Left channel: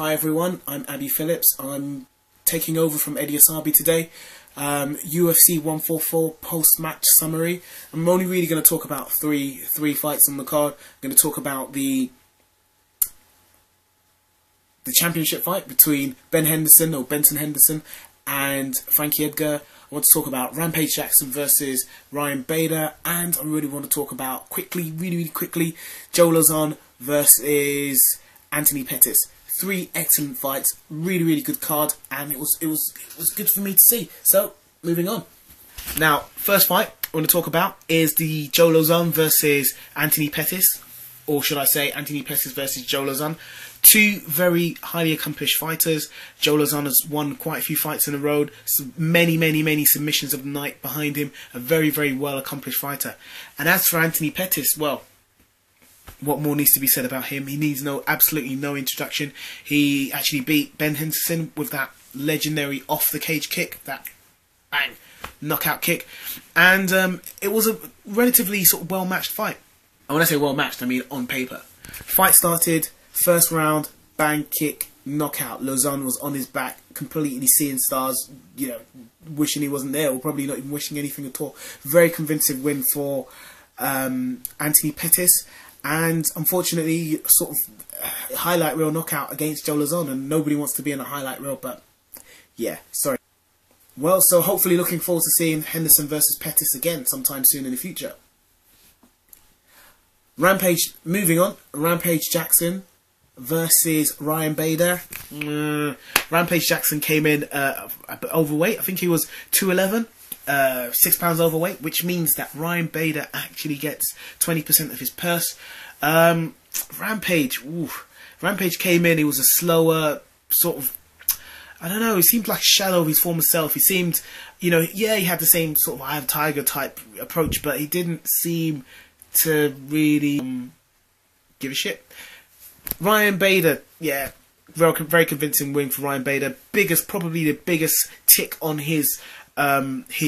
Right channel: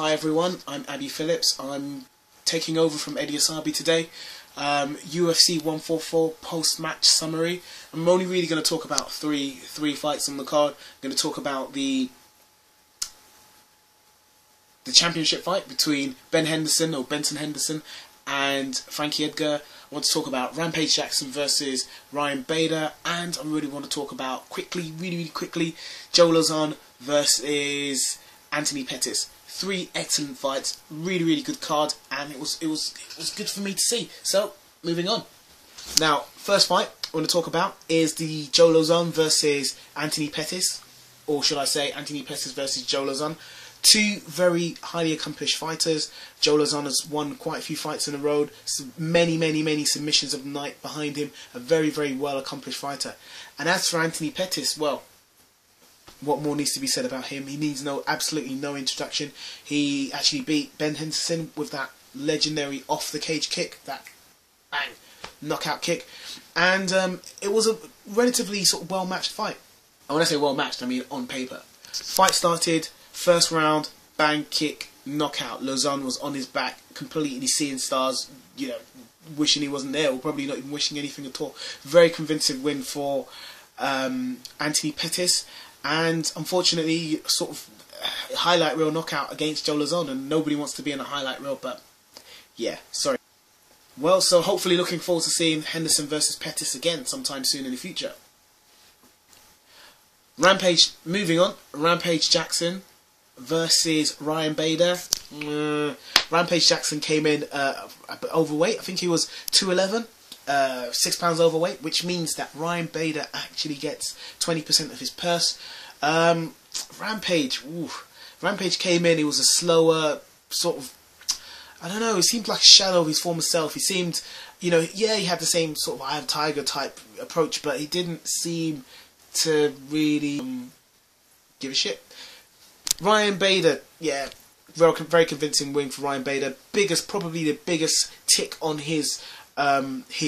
Hi everyone, I'm Abby Phillips. I'm taking over from Eddie Asabi today. UFC 144 post-match summary. I'm only really going to talk about three fights on the card. I'm going to talk about the championship fight between Ben Henderson and Frankie Edgar. I want to talk about Rampage Jackson versus Ryan Bader, and I really want to talk about really quickly, Joe Lauzon versus Antony Pettis. Three excellent fights, really good card, and it was good for me to see. So moving on. Now, first fight I want to talk about is the Joe Lauzon versus Antony Pettis, or should I say Antony Pettis versus Joe Lauzon. Two very highly accomplished fighters. Joe Lauzon has won quite a few fights in a row. So many submissions of the night behind him. A very well accomplished fighter. And as for Antony Pettis, well, what more needs to be said about him? He needs absolutely no introduction. He actually beat Ben Henderson with that legendary off the cage kick, that bang knockout kick, and it was a relatively sort of well matched fight. And when I say well matched, I mean on paper. Fight started, first round, bang kick, knockout. Lauzon was on his back, completely seeing stars, wishing he wasn't there, or probably not even wishing anything at all. Very convincing win for Antony Pettis. And unfortunately, sort of highlight reel knockout against Joe Lauzon, and nobody wants to be in a highlight reel, but yeah, sorry. Well, so hopefully looking forward to seeing Henderson versus Pettis again sometime soon in the future. Rampage, moving on, Rampage Jackson versus Ryan Bader. Rampage Jackson came in a bit overweight. I think he was 211. 6 pounds overweight, which means that Ryan Bader actually gets 20% of his purse. Rampage came in, he was a slower sort of, I don't know, he seemed like a shadow of his former self. He seemed, yeah, he had the same sort of Eye of Tiger type approach, but he didn't seem to really give a shit. Ryan Bader, yeah, very convincing win for Ryan Bader. Probably the biggest tick on his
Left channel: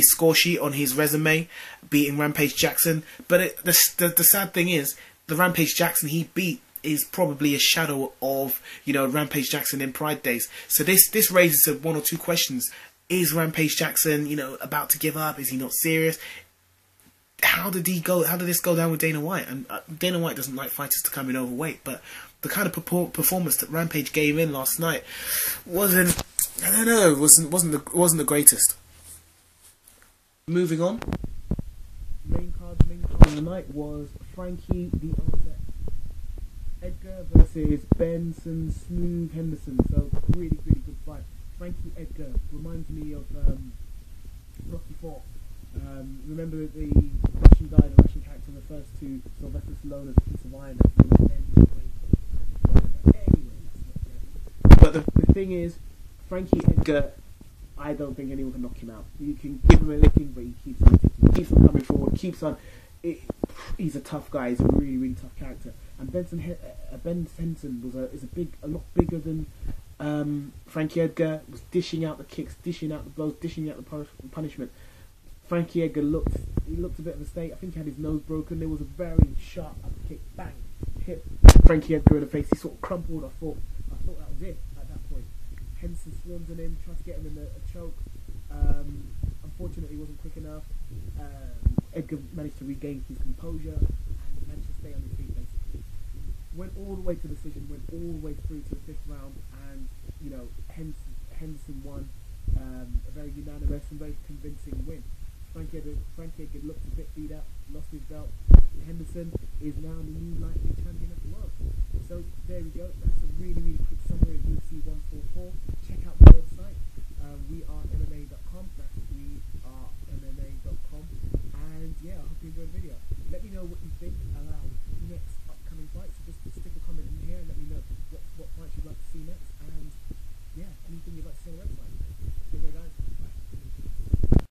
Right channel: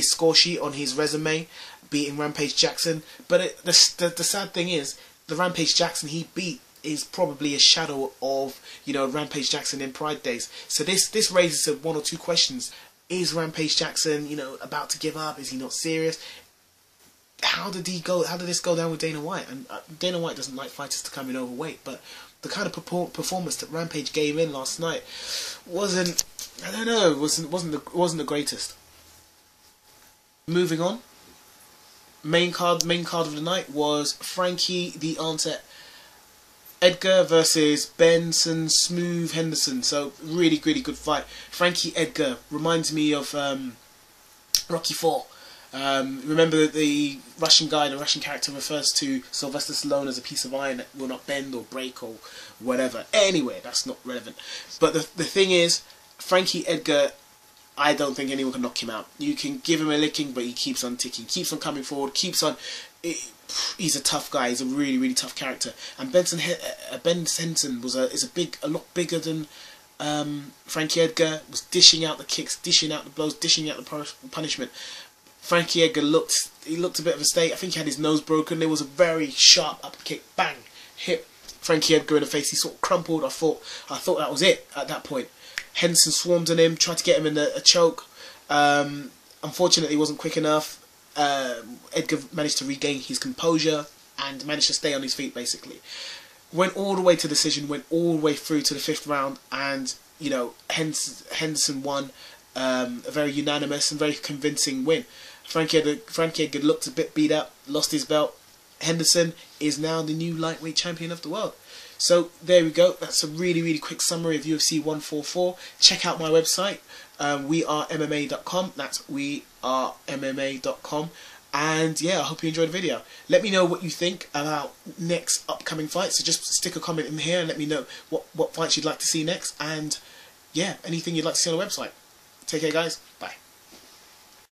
score sheet, on his resume, beating Rampage Jackson. But the sad thing is, the Rampage Jackson he beat is probably a shadow of Rampage Jackson in Pride days. So this raises one or two questions. Is Rampage Jackson about to give up? Is he not serious? How did this go down with Dana White? And Dana White doesn't like fighters to come in overweight, but the kind of performance that Rampage gave in last night wasn't the greatest. Moving on, main card of the night was Frankie the Answer Edgar versus Benson Smooth Henderson. So really good fight. Frankie Edgar reminds me of Rocky IV. Remember the Russian character refers to Sylvester Stallone as a piece of iron that will not bend or break or whatever. Anyway, that's not relevant. But the thing is, Frankie Edgar, I don't think anyone can knock him out. You can give him a licking, but he keeps on ticking, keeps on coming forward, keeps on. He's a tough guy. He's a really tough character. And Ben Henderson was a lot bigger than Frankie Edgar. Was dishing out the kicks, dishing out the blows, dishing out the punishment. Frankie Edgar looked a bit of a state. I think he had his nose broken. There was a very sharp upper kick, bang, hit Frankie Edgar in the face. He sort of crumpled. I thought that was it at that point. Henderson swarmed on him, tried to get him in a choke. Unfortunately, it wasn't quick enough. Edgar managed to regain his composure and managed to stay on his feet, basically. Went all the way to decision, went all the way through to the 5th round, and, Henderson won a very unanimous and very convincing win. Frankie Edgar looked a bit beat up, lost his belt. Henderson is now the new lightweight champion of the world. So there we go. That's a really quick summary of UFC 144. Check out my website, wearemma.com. That's wearemma.com. And yeah, I hope you enjoyed the video. Let me know what you think about next upcoming fights. So just stick a comment in here and let me know what fights you'd like to see next. And yeah, anything you'd like to see on the website. Take care, guys. Bye.